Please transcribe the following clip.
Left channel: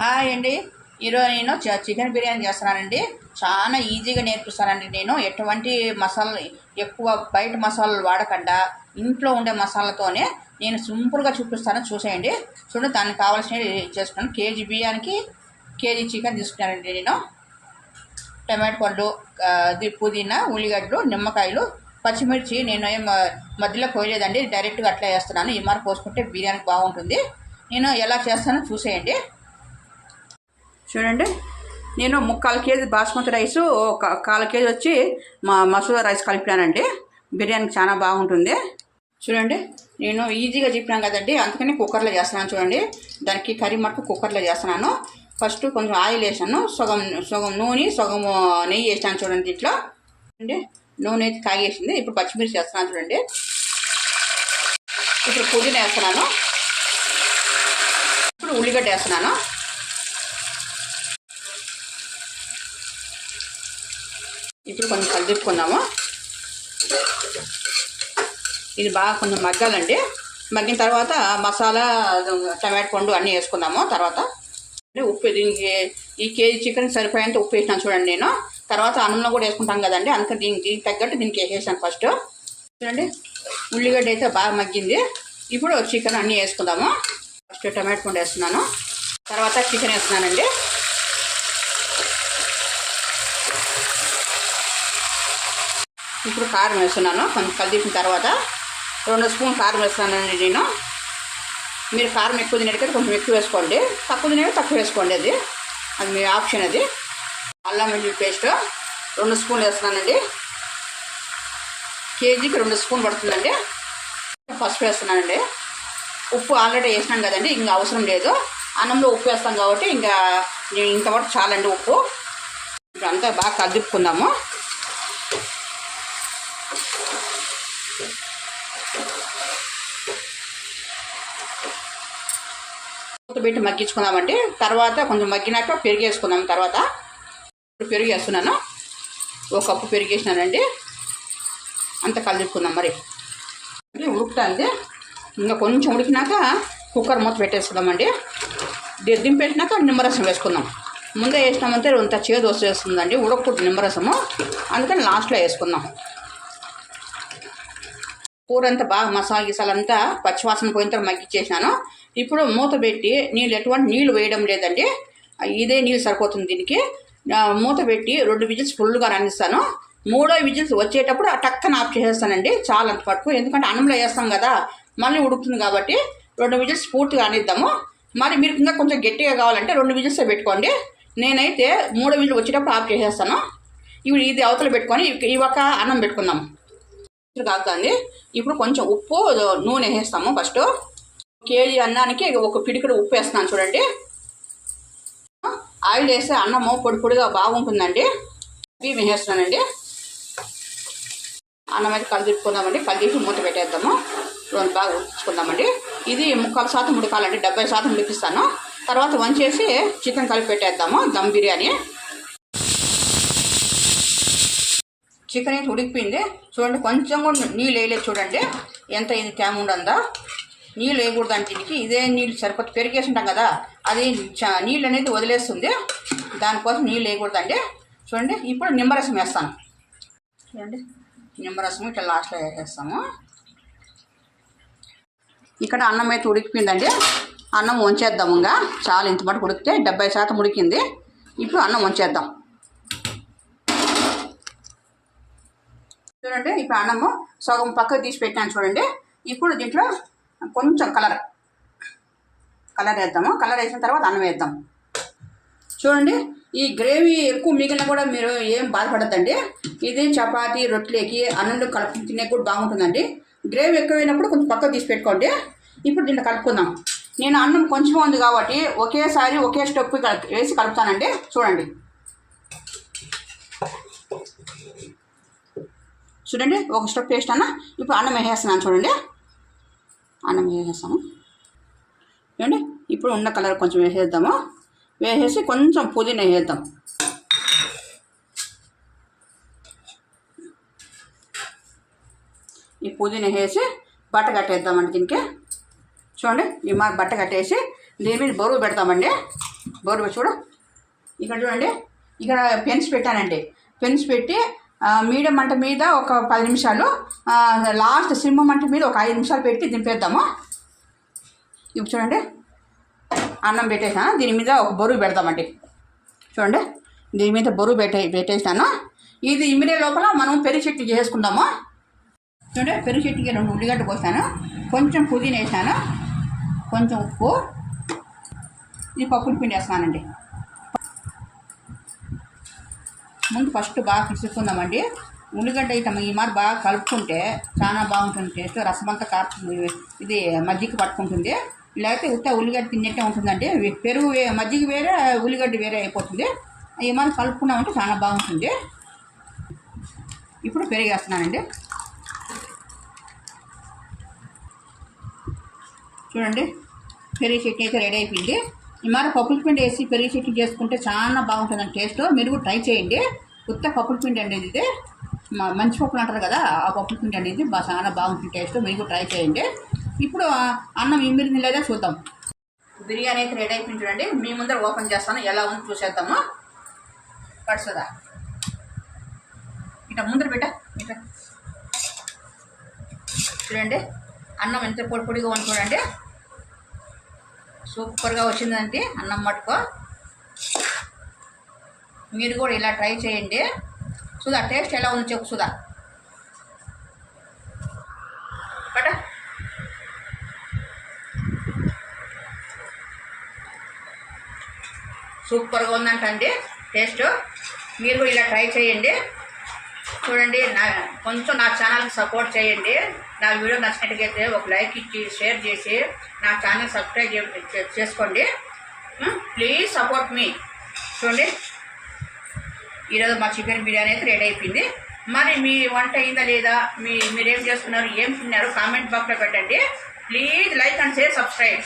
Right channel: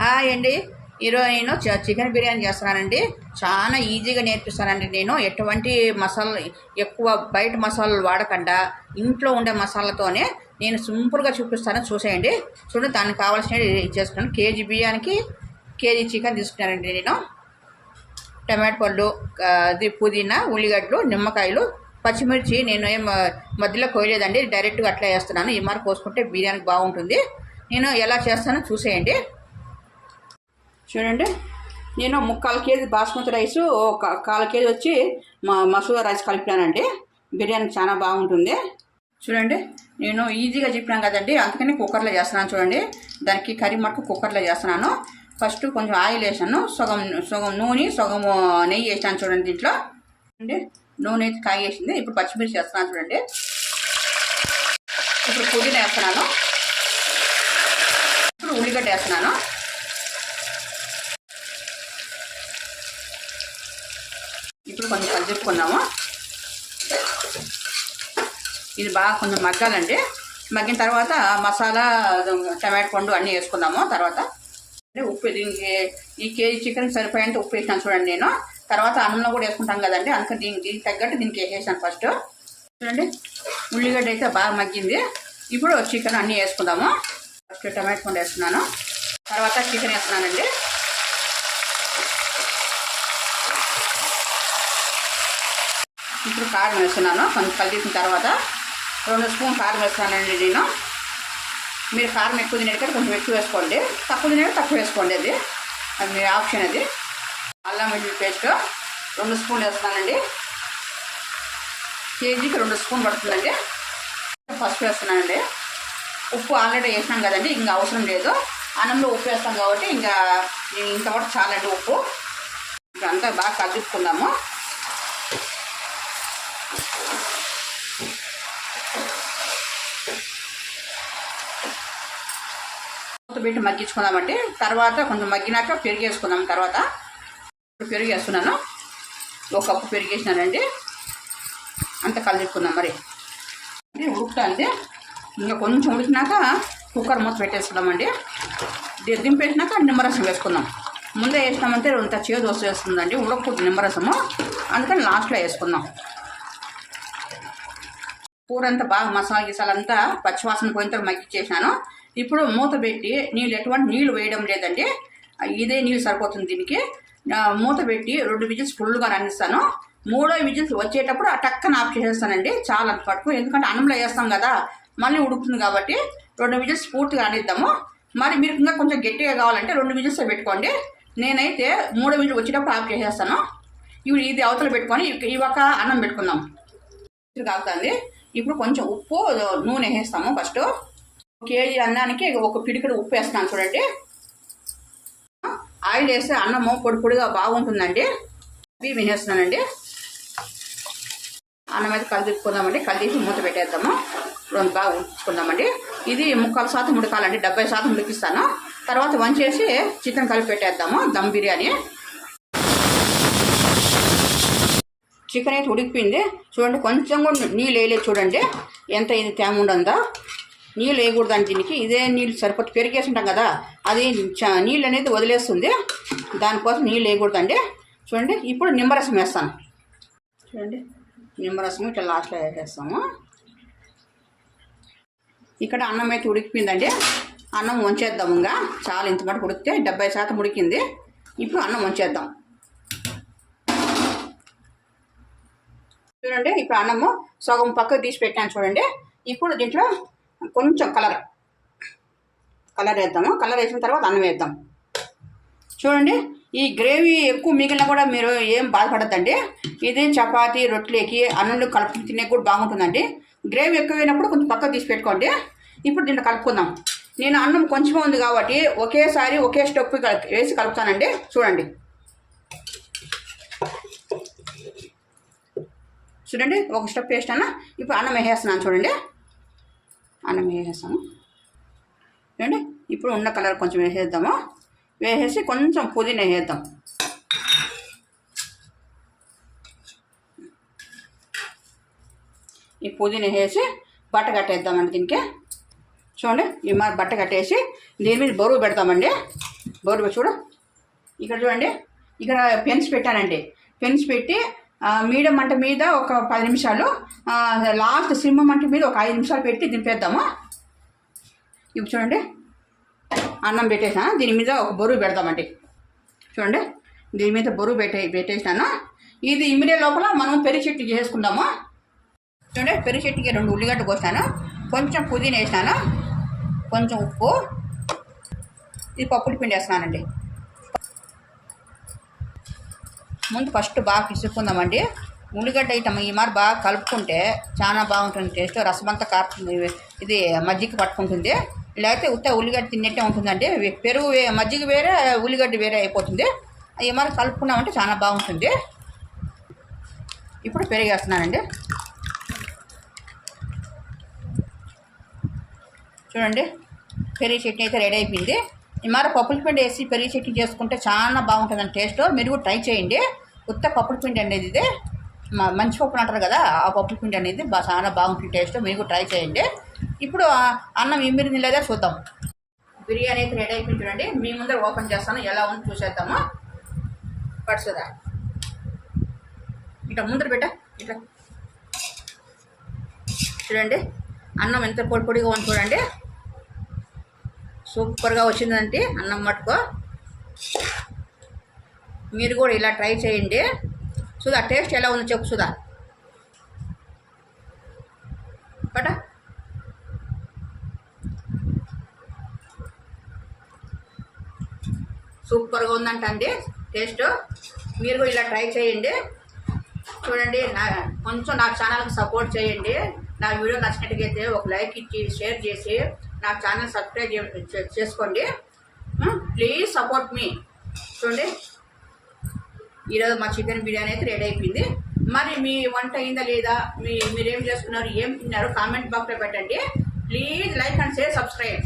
Hi అండి. ఈరోజు నేను చికెన్ బిర్యానీ చేస్తున్నానండి. చాలా ఈజీగా నేర్పిస్తానండి. నేను ఎటువంటి మసాలా ఎక్కువ బయట మసాలాలు వాడకుండా ఇంట్లో ఉండే మసాలాతోనే నేను సింపుల్గా చూపిస్తాను, చూసేయండి. చూడండి, దానికి కావాల్సినవి చేసుకున్నాను. కేజీ బియ్యానికి కేజీ చికెన్ తీసుకున్నానండి. నేను టమాటో పళ్ళు, పుదీనా, ఉల్లిగడ్డలు, నిమ్మకాయలు, పచ్చిమిర్చి నేను ఏం మధ్యలో కోయలేదండి, డైరెక్ట్గా అట్లా వేస్తున్నాను. ఈ మరి పోసుకుంటే బిర్యానీ బాగుంటుంది. నేను ఎలా చేస్తానో చూసేయండి. చూడండి, నేను 3/4 కేజీ బాస్మతి రైసు, 1/4 కేజీ వచ్చి మసూరా రైస్ కలిపినానండి. బిర్యానీకి చాలా బాగుంటుంది. చూడండి, నేను ఈజీగా చెప్పినాను కదండి, అందుకని కుక్కర్లో చేస్తున్నాను. చూడండి, దానికి కర్రీ మటుకు కుక్కర్లో చేస్తున్నాను. ఫస్ట్ కొంచెం ఆయిల్ వేసాను, సగం నూనె, సగం నెయ్యి వేసాను. చూడండి, దీంట్లో చూడండి నూనె అయితే కాగేసింది. ఇప్పుడు పచ్చిమిర్చి వేస్తున్నాను. చూడండి, ఇప్పుడు పుదీనా వేస్తున్నాను. ఇప్పుడు ఉల్లిగడ్డ వేస్తున్నాను. ఇప్పుడు కొంచెం కలుపుకున్నాము. ఇది బాగా కొంచెం మగ్గాలండి. మగ్గిన తర్వాత మసాలా, టమాటో పండు అన్నీ వేసుకుందాము. తర్వాత ఉప్పు, దీనికి ఈ కేజీ చికెన్ సరిపోయేంత ఉప్పు వేసినాను. చూడండి, నేను తర్వాత అన్నంలో కూడా వేసుకుంటాం కదండి, అందుకని దీనికి తగ్గట్టు దీనికి వేసేసాను. ఫస్ట్ చూడండి, ఉల్లిగడ్డ అయితే బాగా మగ్గింది. ఇప్పుడు చికెన్ అన్నీ వేసుకుందాము. ఫస్ట్ టమాటో పండు వేస్తున్నాను, తర్వాత చికెన్ వేస్తున్నానండి. ఇప్పుడు కారం వేస్తున్నాను. కొంచెం కలిపిన తర్వాత 2 స్పూన్ కారం వేస్తున్నానండి నేను. మీరు కారం ఎక్కువ తినేటికైతే కొంచెం ఎక్కువ వేసుకోండి, తక్కువ తినేది తక్కువ వేసుకోండి. అది మీ ఆప్షన్. అది అల్లం వెల్లుల్లి పేస్ట్ 2 స్పూన్లు వేస్తున్నానండి. కేజీకి 2 స్పూన్ పడుతుందండి. పసుపు వేస్తున్నానండి. ఉప్పు ఆల్రెడీ వేసినాం కదండి, ఇంకా అవసరం లేదు. అన్నంలో ఉప్పు వేస్తాం కాబట్టి ఇంతవరకు చాలండి ఉప్పు. ఇప్పుడు అంతా బాగా కలుపుకుందాము. పెట్టి మగ్గించుకుందామండి. తర్వాత కొంచెం మగ్గినాక పెరుగు వేసుకుందాం. తర్వాత ఇప్పుడు పెరుగు వేస్తున్నాను. 1 కప్పు పెరుగు వేసినానండి. అంత కలుపుకుందాం. మరి ఉడుకుతుంది. ఇంకా కొంచెం ఉడికినాక కుక్కర్ మూత పెట్టేసుకుందామండి. దింపేసినాక నిమ్మరసం వేసుకుందాం. ముందే వేసినామంటే ఇంత చేదు వస్తుందండి, ఉడకూడదు నిమ్మరసము, అందుకని లాస్ట్లో వేసుకుందాం. కూర అంతా బాగా మసాలా గిసాలంతా పచ్చివాసన పోయిన తర్వాత మగ్గిచ్చేసినాను. ఇప్పుడు మూత పెట్టి ఎటువంటి నీళ్ళు వేయడం లేదండి, ఇదే నీళ్ళు సరిపోతుంది దీనికి. మూత పెట్టి 2 విజిల్స్ ఫుల్గా రానిస్తాను. 3వ విజిల్స్ వచ్చేటప్పుడు టక్కన ఆఫ్ చేసేస్తానండి. చాలా అంత పట్టుకు, ఎందుకంటే అన్నంలో వేస్తాం కదా, మళ్ళీ ఉడుకుతుంది కాబట్టి 2 విజిల్స్ పూర్తిగా రానిద్దాము. మరి మీరు ఇంకా కొంచెం గట్టిగా కావాలంటే 2 విజిల్స్ పెట్టుకోండి. నేనైతే 3వ విజిల్ వచ్చేటప్పుడు ఆఫ్ చేసేస్తాను. ఇవి ఇది అవతల పెట్టుకొని ఒక అన్నం పెట్టుకుందాం. కాగుతుంది. ఇప్పుడు కొంచెం ఉప్పు, నూనె వేస్తాము. ఫస్ట్ కేజీ అన్నానికి 1 పిడికెడు ఉప్పు వేస్తున్నాను. చూడండి, ఆయిల్ వేస్తే అన్నము పొడి పొడిగా బాగుంటుందండి. బియ్యం వేసేస్తున్నానండి. అన్నం అయితే కలిపుకుందామండి. కలిపి మూత పెట్టేద్దాము. రెండు బాగా ఉడికించుకుందామండి. ఇది 3/4% ఉడకాలండి, 70% ఉడికిస్తాను. తర్వాత వంచేసి చికెన్ కలిపి పెట్టేద్దాము. దమ్ బిర్యానీ. చికెన్ అయితే ఉడికిపోయింది. చూడండి, కొంచెం కూడా నీళ్ళు వేయలేదు. చూడండి ఎంత ఇది తేమ ఉండదా. నీళ్ళు వేయకూడదండి దీనికి, ఇదే నీళ్ళు సరిపోతే పెరిగేసి ఉంటాం కదా, అది నీళ్ళు అనేది వదిలేస్తుంది, దానికోసం నీళ్ళు వేయకూడదండి. చూడండి, ఇప్పుడు నిమ్మరసం వేస్తాను. చూడండి, నిమ్మరసం ఇట్లా లాస్ట్లో వేసేస్తాము. ఇక్కడ అన్నం అయితే ఉడికిపోయిందండి. అన్నం వంచేద్దాము. ఇంకా చాలా ఇంత మటుకు ఉడికితే 70% ఉడికింది. ఇప్పుడు అన్నం వంచేద్దాం. చూడండి, ఇప్పుడు అన్నము సగం పక్కకు తీసి పెట్టాను. చూడండి, ఇప్పుడు దీంట్లో కొంచెం కలర్ వేద్దాము. కలర్ వేసిన తర్వాత అన్నం వేద్దాం. చూడండి, ఈ గ్రేవీ ఎక్కువ మిగిలిన కూడా మీరు ఏం బాధపడద్దండి. ఇది చపాతీ, రొట్టెలకి, అన్నంలో కలుపు తినే కూడా బాగుంటుందండి. గ్రేవీ ఎక్కువైనప్పుడు కొంచెం పక్కకు తీసి పెట్టుకోండి. ఇప్పుడు దీన్ని కలుపుకుందాం. నేను అన్నం కొంచెం ఉంది కాబట్టి ఒకేసారి ఒకే స్టెప్ వేసి కలుపుతానండి. చూడండి, ఒక స్టెప్ వేస్తాను. ఇప్పుడు అన్నం వేసేస్తున్నాను. చూడండి, అన్నం వేసేస్తాము. చూడండి, ఇప్పుడు ఉన్న కలర్ కొంచెం వేసేద్దాము. వేసేసి కొంచెం పుదీనా వేసేద్దాం. ఈ పుదీనా వేసి బట్ట కట్టేద్దామండి దీనికి. చూడండి, ఈ బట్ట కట్టేసి దీని మీద బరువు పెడతామండి. బోరు చూడు, ఇక్కడ చూడండి, ఇక్కడ పెన్స్ పెట్టానండి. పెన్స్ పెట్టి మీడియం మంట మీద ఒక 10 నిమిషాలు, లాస్ట్ సిమ్ మంట మీద ఒక 5 నిమిషాలు పెట్టి దింపేద్దాము. ఇప్పుడు చూడండి, అన్నం పెట్టేసాను. దీని మీద ఒక బరువు పెడదామండి. చూడండి, దీని మీద బరువు పెట్టేసాను. ఇది ఇమిడే లోపల మనం పెరుగు చట్నీ చేసుకుందాము. చూడండి, పెరుగు చట్నీకి 2 ఉల్లిగడ్డ కోసాను, కొంచెం పుదీనా వేసాను, కొంచెం ఉప్పు, ఇది పప్పుడి పిండి వేస్తున్నానండి. ముందు ఫస్ట్ బాగా పిసుక్కుందామండి. ఉల్లిగడ్డ ఐటమ్ ఈ మరి బాగా కలుపుకుంటే చాలా బాగుంటుంది టేస్ట్. రసమంతా కాపుతుంది, ఇది మజ్జిగ పట్టుకుంటుంది. లేకపోతే ఉత్త ఉల్లిగడ్డ తిన్నట్టే ఉంటుందండి. పెరుగు మజ్జిగ వేరే, ఉల్లిగడ్డ వేరే అయిపోతుంది. ఈ మరి కలుపుకున్నామంటే చాలా బాగుంటుంది. ఇప్పుడు పెరుగు వేస్తున్నానండి. చూడండి, పెరుగు చట్నీ అయితే రెడీ అయిపోయింది. ఈ మరి పప్పుల పిండి వేసి పెరుగు చట్నీ చేసుకుంటే చాలా బాగుంటుందండి టేస్ట్. మీరు కూడా ట్రై చేయండి. ఉత్త పప్పుల పిండి అనేది ఇది మంచి పప్పులు అంటారు కదా, ఆ పప్పుల పిండి అనేది చాలా బాగుంటుంది టేస్ట్. మీరు కూడా ట్రై చేయండి. ఇప్పుడు అన్నం ఇమిరింది లేదా చూద్దాం. బిర్యానీ అయితే రెడీ అయిపోయింది చూడండి. మీ ముందర ఓపెన్ చేస్తాను, ఎలా ఉంది చూసేద్దాము. పడుతుందా ఇట్లా ముందర పెట్ట, ఇట్లా చూడండి, అన్నం ఎంత పొడి పొడిగా ఉంది చూడండి. సూపర్గా వచ్చిందంటే అన్నం మటుకు. మీరు కూడా ఇలా ట్రై చేయండి. సుధా, టేస్ట్ ఎలా ఉందో చెప్పు సుధా. బట సూపర్గా ఉందంటండి టేస్ట్. మీరు కూడా ఇలా ట్రై చేయండి. చూడండి, కొంచెం నా ఛానల్కి సపోర్ట్ చేయండి. నా వీడియో నచ్చినట్టుగైతే ఒక లైక్ ఇచ్చి షేర్ చేసి నా ఛానల్ సబ్స్క్రైబ్ చేసుకోండి. ప్లీజ్ సపోర్ట్ మీ. చూడండి, ఈరోజు మా చికెన్ బిర్యానీ అయితే రెడీ అయిపోయింది. మరి మీ వంట అయిందా లేదా, మీరేం చేసుకున్నారు, ఏం తిన్నారు కామెంట్ బాక్స్లో పెట్టండి. Please like and share, subscribe.